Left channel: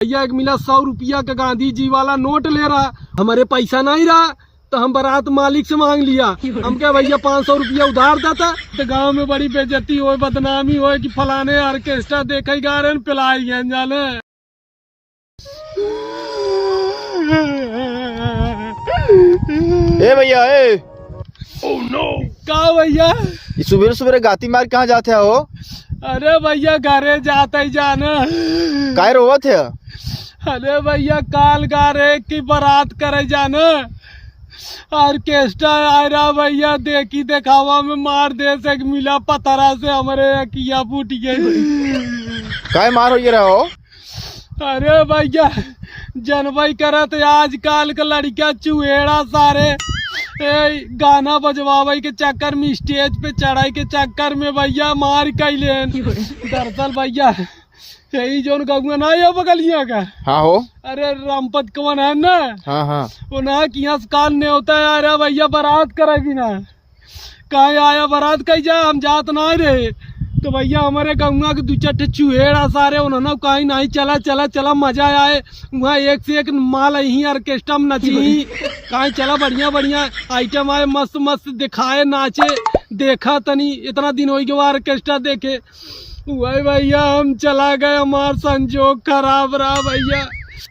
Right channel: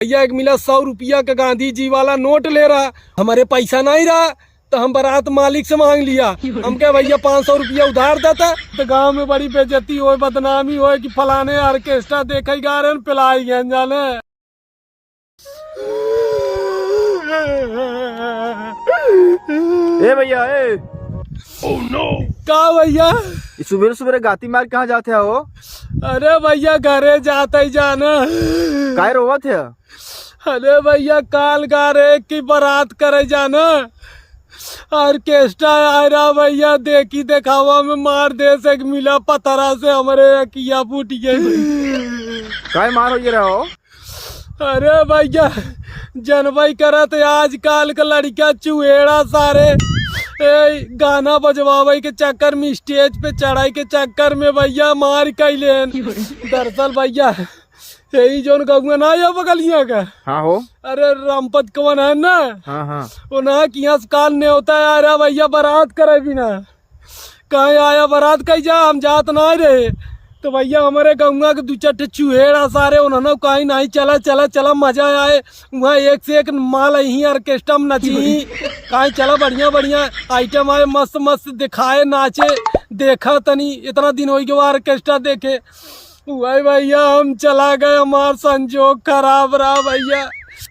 भैया एक मिला 100 रुपया का गांधी जी वाला नोट ले रहा, हमारे पैसा नहीं रहा तो हम बारात मालिक से मांग लिया। हम क्या भैया 500 रुपया उधार देता तो गांव में बड़ी बेइज्जती हो, बदनामी हो कि फलाने ऑर्केस्ट्रा देखे गा रहे पिलाई गए जाने। ए भैया ए ओह नो, क्या भैया सुबह सुबह गाती मार कहाँ जाते हो? अरे भैया घरे जाते ही जाना। काय रोवत है? अरे भैया काल गा रहे की बारात करे जाना, ऑर्केस्ट्रा आ रहा भैया, देखी दिखावा में मार दे से मिला पतरा से हमारे किया फूट गई। काय मार हो रहा हो? अरे भैया जनवई करत आजकल के लड़का चुहेड़ा सारे गाना बजवावे के चक्कर में, स्टेज पे चढ़ाई के चक्कर में भैया मार कैले। दरअसल भैया यही जोन गौआ ना या बगलिया का। हाँ हो। अरे रामपत कवन है ना। हाँ हाँ। वो ना कि यहाँ काल ने होता है यार भैया बारात करे बिना कहीं आया बारात कहीं जा, हम जात ना रहे तो भैया हमारे गंगा के 2-4 चूहेड़ा सारे उन्होंने कहीं नहीं चला चला चला मजा आए वहाँ एक से एक माल यही ऑर्केस्ट्रा में नची कहीं चला बढ़िया बढ़िया आइटम आए मस्त मस्त दिखाए नाचे देखा तनी इतना दिन हो गया ऑर्केस्ट्रा देखे भाई भैया हम चला गए, हमार संजोग खराब रहा भैया।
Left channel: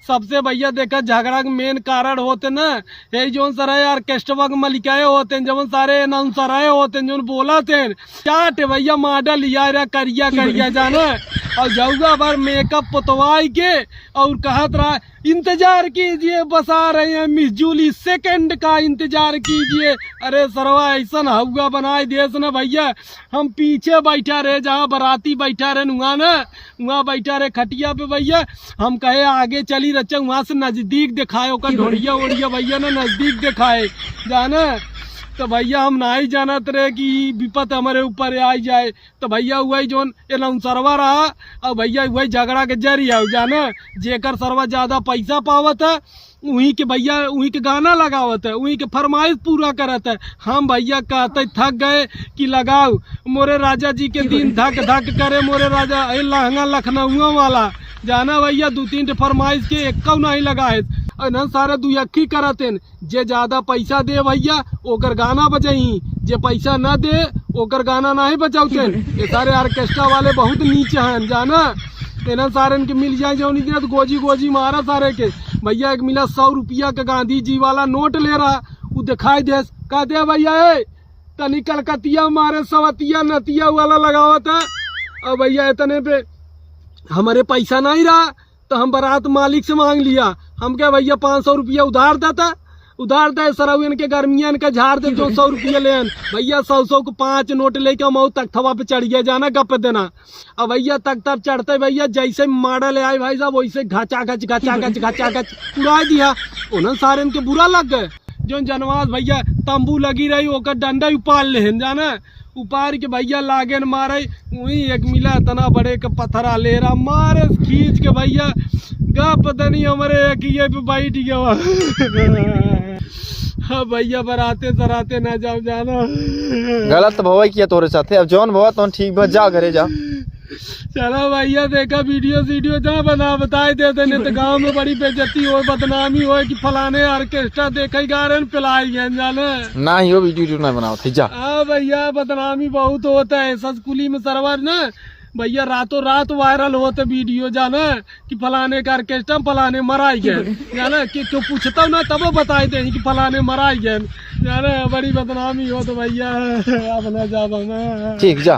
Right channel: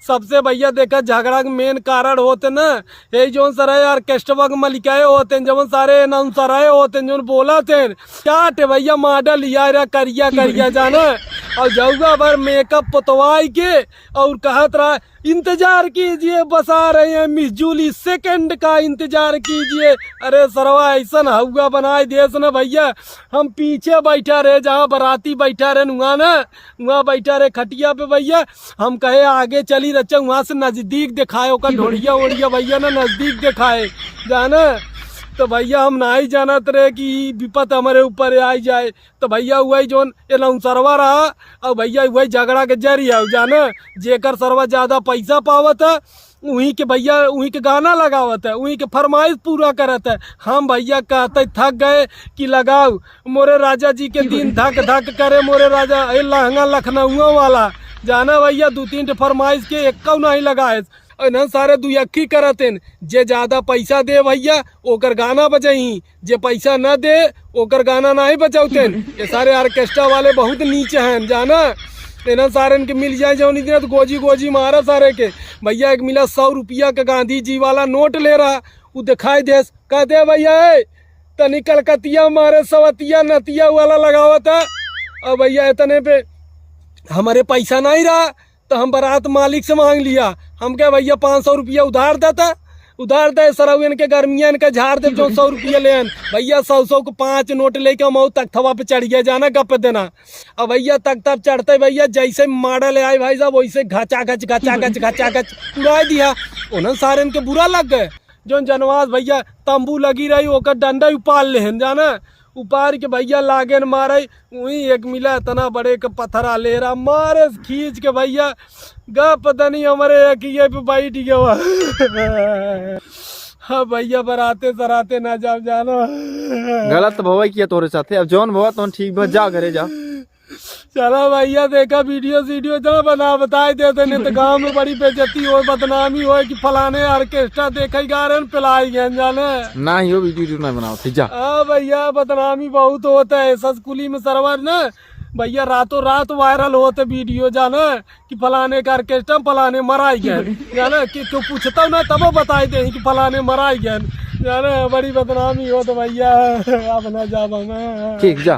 सबसे भैया देखा झगड़ा के मेन कारण होते ना यही जो सारे ऑर्केस्ट्रा के मलिकाए होते जब सारे अनाउंसर होते जो बोला थे क्या भैया मॉडल लिया करिया करिया जाना और जाऊगा बार मेकअप पुतवाई के और कहत रहा इंतजार कीजिए बस आ रहे हैं मिस जूली, सेकंड का इंतजार कीजिए। अरे सरवा ऐसा हुआ बनाए देश ना भैया, हम पीछे बैठा रहे जहाँ बाराती बैठा रहे वहाँ बैठा रहे खटिया पे भैया, हम कहे आगे चली रचा वहाँ से नजदीक दिखाए ओकर ढोड़िया ओढ़िया भैया ना नजदीक दिखाए जाना तो भैया हम ना ही जानत रहे कि विपत हमारे ऊपर आ जाए तो भैया वही जो अनाउंसरवा रहा और भैया वही झगड़ा के जरिया जाना जेकर सरवा ज्यादा पैसा पावत है वहीं के भैया वहीं के गाना लगावत है, वहीं के फरमाइश पूरा करत है। हम भैया कहते थक गए कि लगाओ मोरे राजा जी के दिन धक धक करे मोरे राजा लहंगा लखनऊ वाला जाना भैया 2-3 फरमाइश के एक नहीं लगाए ना सारे दुयक्की करते जे ज्यादा पैसा दे भैया ओकर गाना बजाई, जे पैसा न दे ओकर गाना नहीं बजाते। ये सारे ऑर्केस्ट्रा वाले बहुत नीचे हैं जाना, तेना सारे के मिल जाए जो नहीं तो गोजी गोजी मारा सारे के। भैया एक मिला 100 रुपया का गांधी जी वाला नोट ले रहा, वो दिखाई दे कहते भैया तनी कलकतिया मारे सवतिया नतिया वाला लगावत है और भैया इतने पे हमारे पैसा नहीं रहा तो हम बारात मालिक से मांग लिया। हम क्या भैया 500 रुपया उधार देता, उधार दे सरवन के गर्मिया इनका झाड़ दे 200 रुपया ले भैया 100 को 5 नोट लेके मऊ तक थवा पे चढ़ गया जाना गप देना। अब भैया तक तब चढ़ते भैया जैसे मॉडल आए भाई साहब वैसे घचा घच उड़ा दिया। उन्हें सारे इनके बुरा लग गए जो जनवास भैया तंबू लगी रही ओकर डंडा उपाल ले जाना, उपार के भैया लागे मारे वही एक मिला इतना बड़े का पत्थरा ले रहा मारे खींच के भैया गा पता नहीं हमारे ये पे बैठ गया। हाँ भैया बराते सराते ना जाओ जाना, गलत भवा किया तोरे साथे, अब जौन भवा तो ठीक बस जा घरे जा। चलो भैया देखा वीडियो जा बना बताए देते नहीं तो गाँव में बड़ी बेइज्जती हो बदनामी हो कि फलाने ऑर्केस्ट्रा देखे गा रहे पिलाई गए जाने ना ही हो वीडियो ना बनाओ ठीक जा। हाँ भैया बदनामी बहुत होता है सस्कुली में सरवर ना भैया रातों रात वायरल होते वीडियो जाना कि फलाने का ऑर्केस्ट्रा फलाने मराई गए जाना कि क्यों पूछता ना तब बताए दे कि फलाने मराई गए जाना, बड़ी बदनामी हो तो भैया अब ना जा ठीक जा।